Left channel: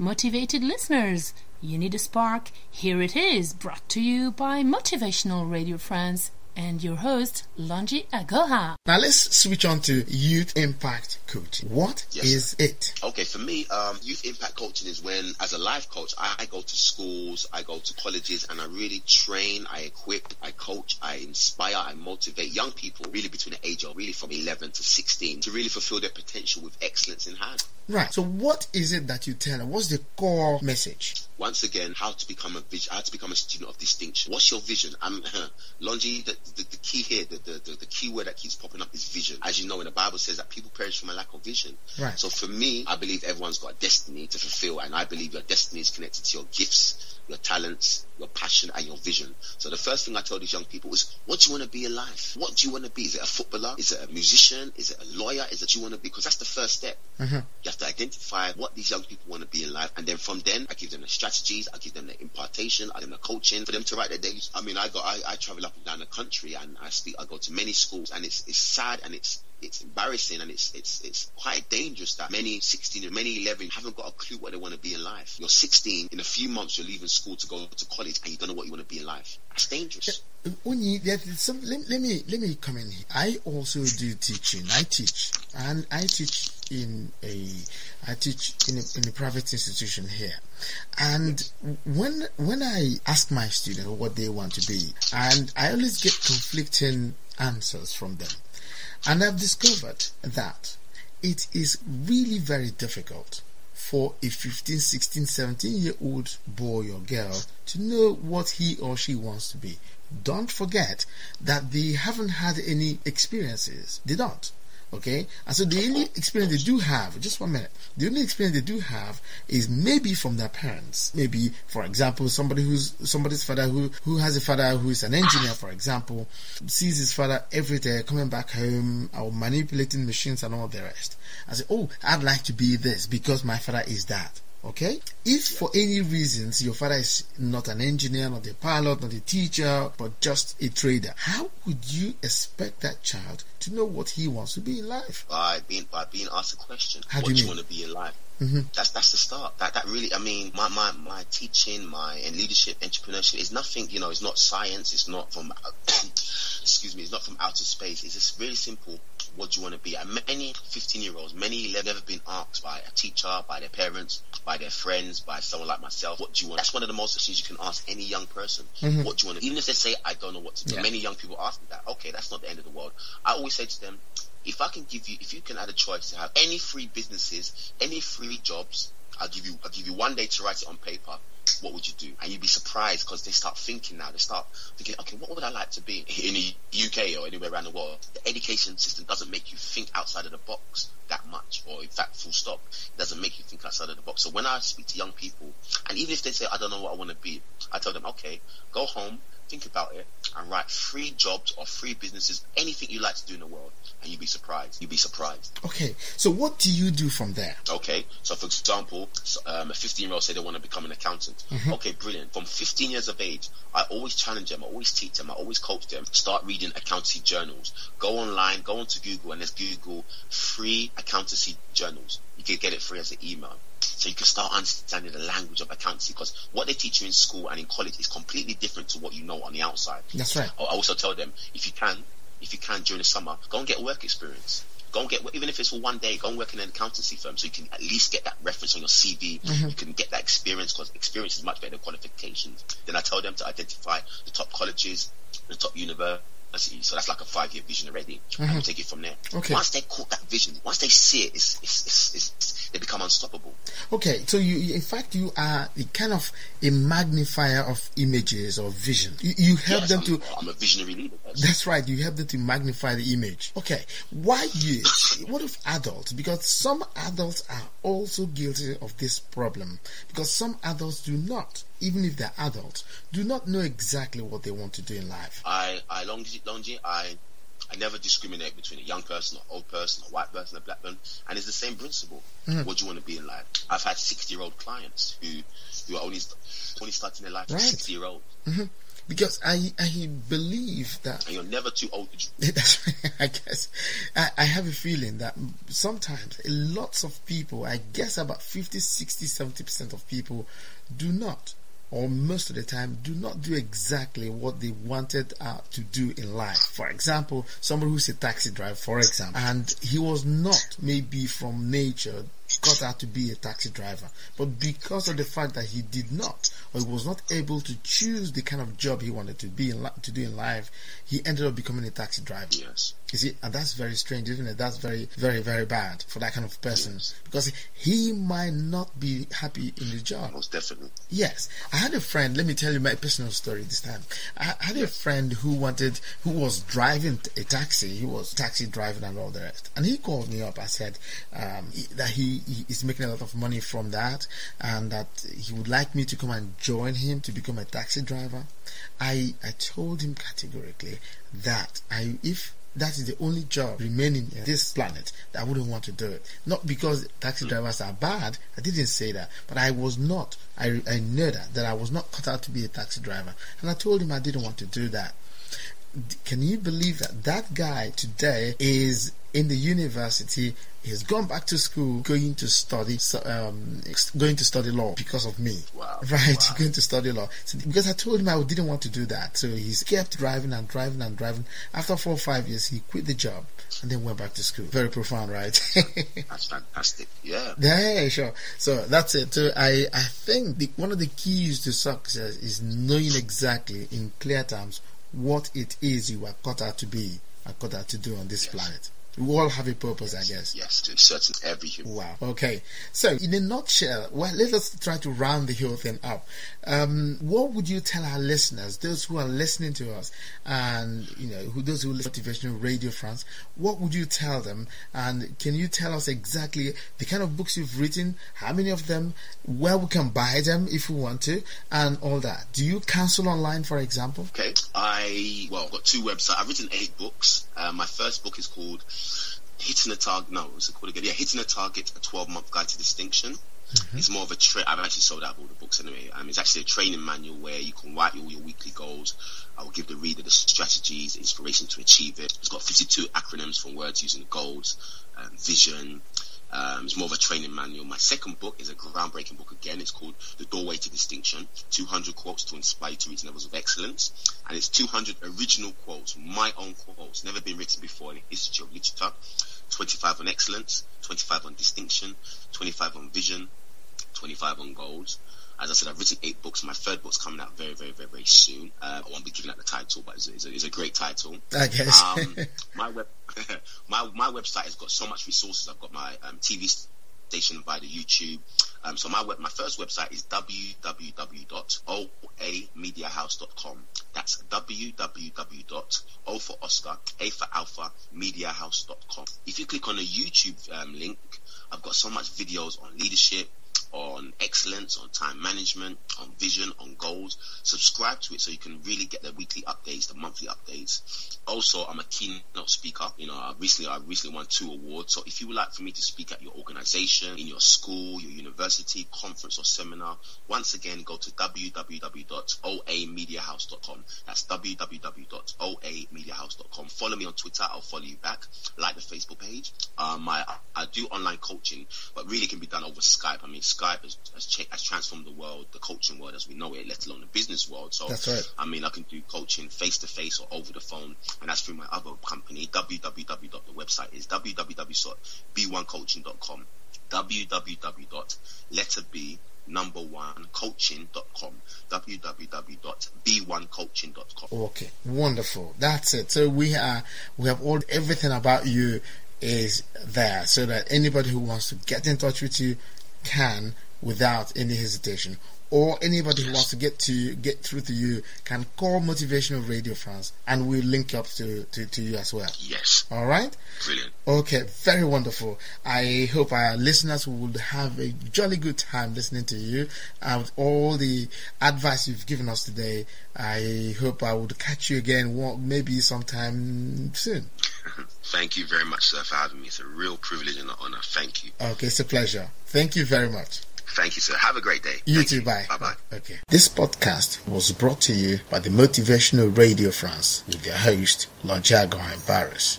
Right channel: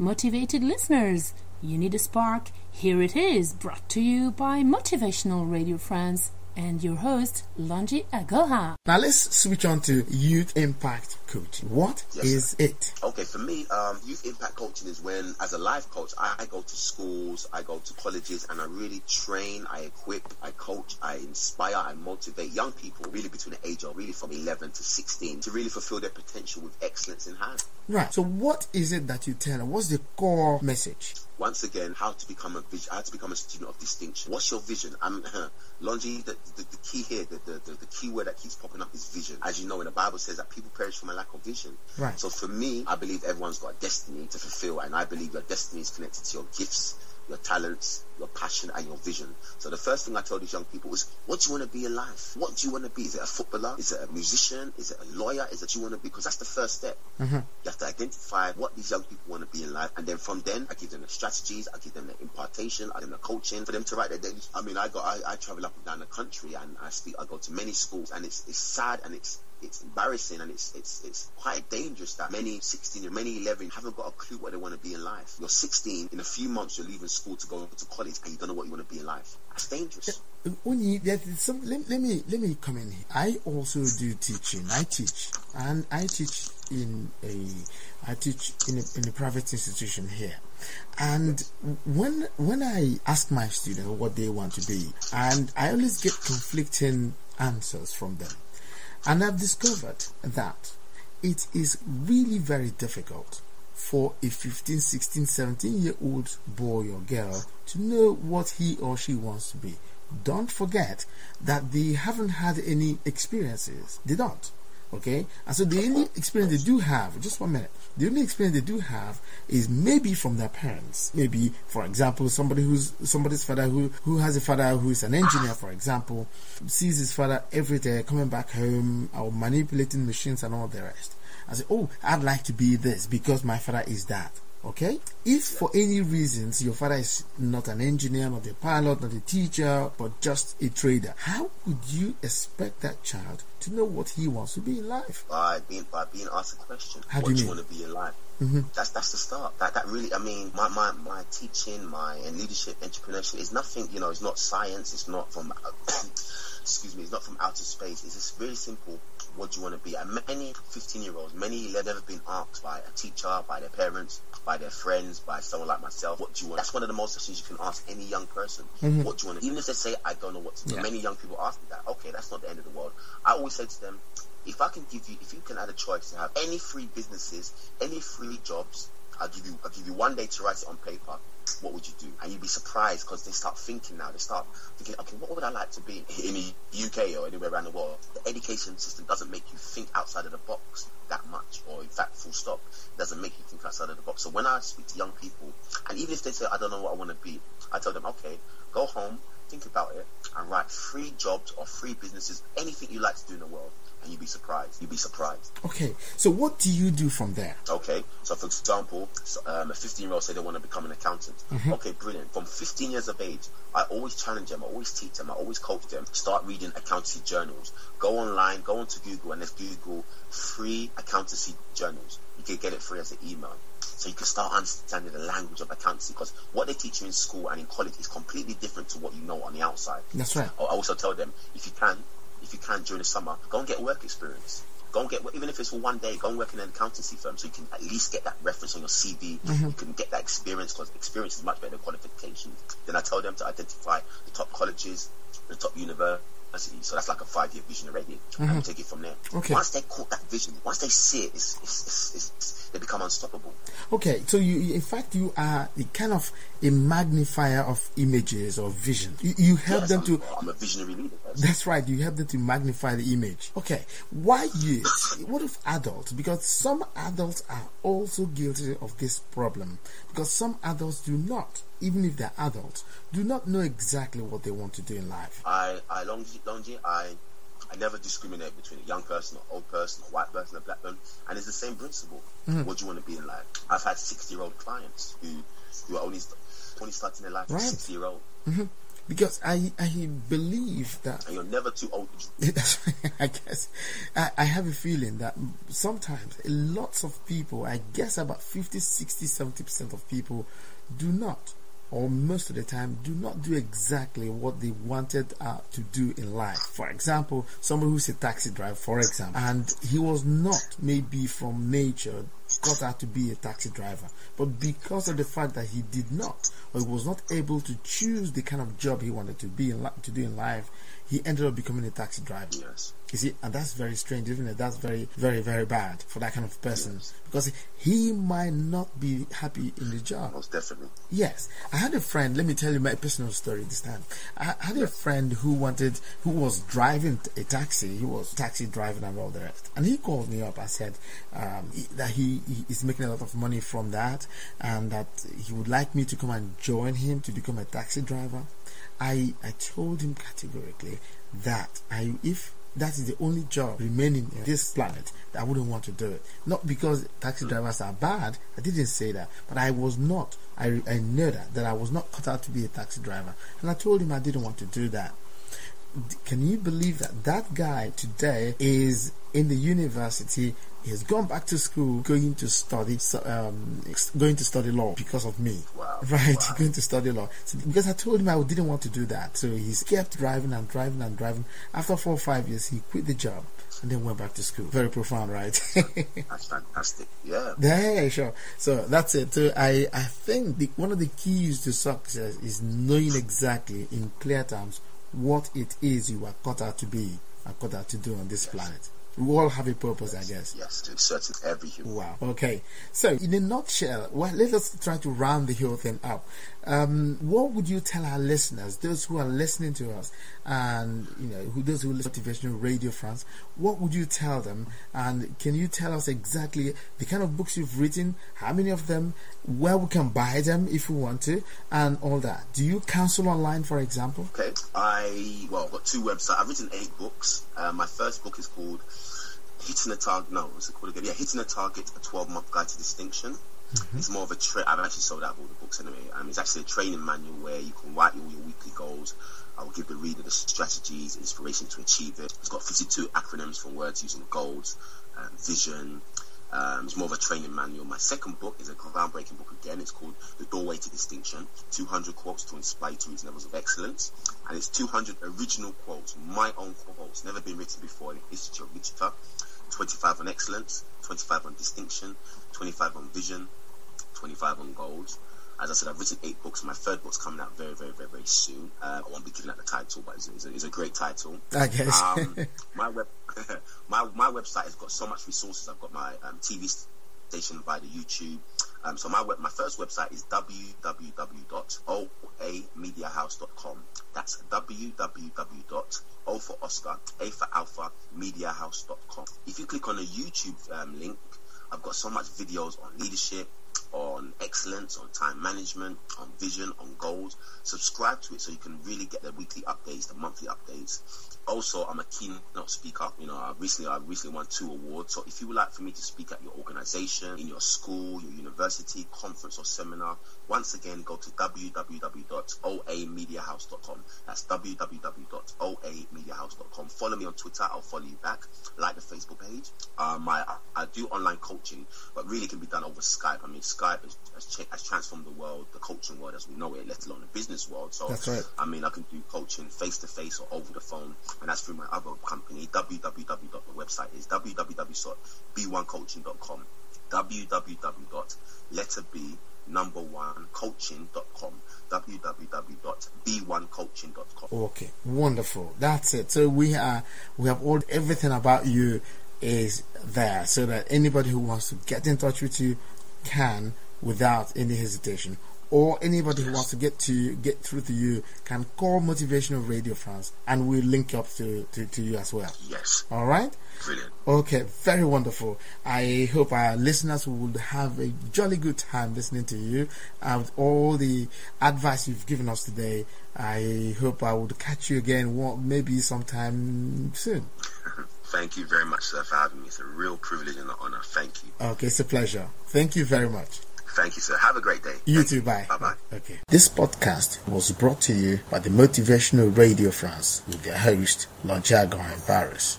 Motivated listeners, you need a spark? Here it is, brought to you by Motivational Radio France and your host, Onyi Anyado. Now let's switch on to youth impact coaching. What is it? Okay, for me, youth impact coaching is when, as a life coach, I go to schools, I go to colleges, and I really train, I equip, I coach, I inspire, I motivate young people, really between the age of really from 11 to 16, to really fulfill their potential with excellence in hand. Right. So what is it that you tell them? What's the core message? Once again, how to become a student of distinction. What's your vision? Onyi, the key here, the key word that keeps popping up is vision. As you know, in the Bible says that people perish from a lack of vision. Right. So for me, I believe everyone's got a destiny to fulfill, and I believe your destiny is connected to your gifts, your talents, your passion, and your vision. So the first thing I tell these young people is, what do you want to be in life? What do you want to be? Is it a footballer? Is it a musician? Is it a lawyer? Is it you want to be? Because that's the first step. Mm-hmm. You have to identify what these young people want to be in life, and then from then, I give them the strategies, I give them the impartation, I give them the coaching for them to write their days. I mean, I travel up and down the country, and I go to many schools, and it's sad, and it's embarrassing, and it's quite dangerous that many 16 and many 11 haven't got a clue what they want to be in life. You're 16, in a few months you're leaving school to go to college, and you don't know what you want to be in life. That's dangerous. Onyi, let me come in here. I also do teaching. I teach in a private institution here, and when I ask my students what they want to be, and I always get conflicting answers from them. And I've discovered that it is really very difficult for a 15, 16, 17-year-old boy or girl to know what he or she wants to be. Don't forget that they haven't had any experiences. They don't. Okay? And so the only experience they do have, just 1 minute, the only experience they do have is maybe from their parents. Maybe, for example, somebody's father who has a father who is an engineer, for example, sees his father every day coming back home or manipulating machines and all the rest. And say, oh, I'd like to be this because my father is that. Okay? If for any reasons your father is not an engineer, not a pilot, not a teacher, but just a trader, how would you expect that child to know what he wants to be in life? By being asked a question. How what do do you you want to be in life? Mm-hmm. That's the start. That really, I mean, my teaching, and leadership, entrepreneurship is nothing, it's not science, it's not from it's not from outer space. It's just really simple. What do you want to be? And many 15-year-olds, many have never been asked by a teacher, by their parents, by their friends, by someone like myself, what do you want? That's one of the most questions you can ask any young person. Mm-hmm. What do you want to, even if they say, I don't know what to do. Yeah. Many young people ask me that. Okay, that's not the end of the world. I always say to them, if you can add a choice to have any free businesses, any free jobs, I'll give you 1 day to write it on paper. What would you do? And you'd be surprised because they start thinking now. They start thinking, okay, what would I like to be in the UK or anywhere around the world? The education system doesn't make you think outside of the box that much, or in fact, full stop. It doesn't make you think outside of the box. So when I speak to young people, and even if they say, I don't know what I want to be, I tell them, okay, go home, think about it, and write 3 jobs or 3 businesses, anything you like to do in the world, and you'd be surprised. Okay, so what do you do from there? Okay, so for example, a 15-year-old say they want to become an accountant. Mm-hmm. Okay, brilliant. From 15 years of age, I always challenge them, I always teach them, I always coach them. Start reading accountancy journals. Go online, go onto Google, and let's Google free accountancy journals. You can get it free as an email. So you can start understanding the language of accountancy, because what they teach you in school and in college is completely different to what you know on the outside. That's right. I also tell them, if you can during the summer, go and get work experience. Go and get, even if it's for 1 day, go and work in an accountancy firm so you can at least get that reference on your CV. Mm-hmm. You can get that experience, because experience is much better than qualifications. Then I tell them to identify the top colleges, the top universities. So that's like a 5-year vision already. Mm-hmm. And we'll take it from there. Okay. Once they caught that vision, once they see it, they become unstoppable. Okay, so you in fact you are a kind of a magnifier of images or vision. You help them to. I'm a visionary leader. That's right. You help them to magnify the image. Okay, why youth? What of adults? Because some adults are also guilty of this problem. Because some adults do not, even if they're adults, do not know exactly what they want to do in life. I never discriminate between a young person, or old person, a white person, a black person, and it's the same principle. Mm-hmm. What do you want to be in life? I've had 60-year-old clients who are only starting their life. Right. 60-year-old. Mm-hmm. because I believe that, and you're never too old to that's, I guess I have a feeling that sometimes lots of people, I guess about 50, 60, 70% of people do not, or most of the time do not do exactly what they wanted to do in life. For example, somebody who's a taxi driver, for example, and he was not maybe from nature got out to be a taxi driver, but because of the fact that he did not, or he was not able to choose the kind of job he wanted to be to do in life, he ended up becoming a taxi driver. Yes. You see, and that's very strange, isn't it? That's very, very, very bad for that kind of person, yes. because he might not be happy in the job. Most definitely. Yes. I had a friend, let me tell you my personal story this time. I had a friend who was driving a taxi. He was taxi driving and all the rest. And he called me up and said that he is making a lot of money from that, and that he would like me to come and join him to become a taxi driver. I told him categorically that if that is the only job remaining in this planet, that I wouldn't want to do it. Not because taxi drivers are bad, I didn't say that, but I was not. I know that I was not cut out to be a taxi driver, and I told him I didn't want to do that. Can you believe that guy today is in the university? He's gone back to school, going to study law because of me. Wow. Right, wow. Going to study law. So, because I told him I didn't want to do that, so he's kept driving and driving and driving. After 4 or 5 years, he quit the job and then went back to school. Very profound, right? That's fantastic. Yeah. Yeah, sure. So that's it. So I think one of the keys to success is knowing exactly in clear terms what it is you are cut out to be and cut out to do on this planet. We all have a purpose, I guess. Yes, to certain every human. Wow. Okay. So, in a nutshell, well, let us try to round the whole thing up. What would you tell our listeners, those who are listening to us, and those who listen to Motivational Radio France? What would you tell them? And can you tell us exactly the kind of books you've written, how many of them, where we can buy them if we want to, and all that? Do you counsel online, for example? Okay. I've got 2 websites. I've written 8 books. My first book is called Hitting a Target. No, what's it called again? Yeah, Hitting a Target: A 12-Month Guide to Distinction. Mm-hmm. It's more of a I've actually sold out all the books anyway. It's actually a training manual where you can write all your weekly goals. I will give the reader the strategies, inspiration to achieve it. It's got 52 acronyms from words using the goals, vision. It's more of a training manual. My second book is a groundbreaking book again. It's called The Doorway to Distinction: 200 Quotes to Inspire You to Reach Levels of Excellence. And it's 200 original quotes, my own quotes, never been written before in the history of literature. 25 on excellence, 25 on distinction, 25 on vision, 25 on goals. As I said, I've written 8 books. My third book's coming out very, very, very, very soon. I won't be giving out the title, but it's a great title. I guess. My website has got so much resources. I've got my TV station via the YouTube. So my first website is www.oamediahouse.com. That's www.o for Oscar, A for Alpha, mediahouse.com. If you click on the YouTube link, I've got so much videos on leadership, on excellence, on time management, on vision, on goals. Subscribe to it so you can really get the weekly updates, the monthly updates. Also, I'm a keynote speaker. I recently won 2 awards. So if you would like for me to speak at your organization, in your school, your university, conference or seminar, once again, go to www.oamediahouse.com. That's www.oamediahouse.com. Follow me on Twitter. I'll follow you back. Like the Facebook page. I do online coaching, but really can be done over Skype. Skype has transformed the world, the coaching world as we know it, let alone the business world. So that's right. I can do coaching face to face or over the phone, and that's through my other company. The website is www.b1coaching.com. www.1coaching.com. www.b1coaching.com. Okay, wonderful. That's it. So we have everything about you is there, so that anybody who wants to get in touch with you can without any hesitation, or anybody who wants to get through to you can call Motivational Radio France, and we'll link up to you as well. Yes. All right. Brilliant. Okay, very wonderful. I hope our listeners will have a jolly good time listening to you. With all the advice you've given us today, I hope I would catch you again, maybe sometime soon. Thank you very much, sir, for having me. It's a real privilege and an honor. Thank you. Okay, it's a pleasure. Thank you very much. Thank you, sir. Have a great day. You too. Bye. Bye-bye. Okay. This podcast was brought to you by the Motivational Radio France with their host, Onyi Anyado.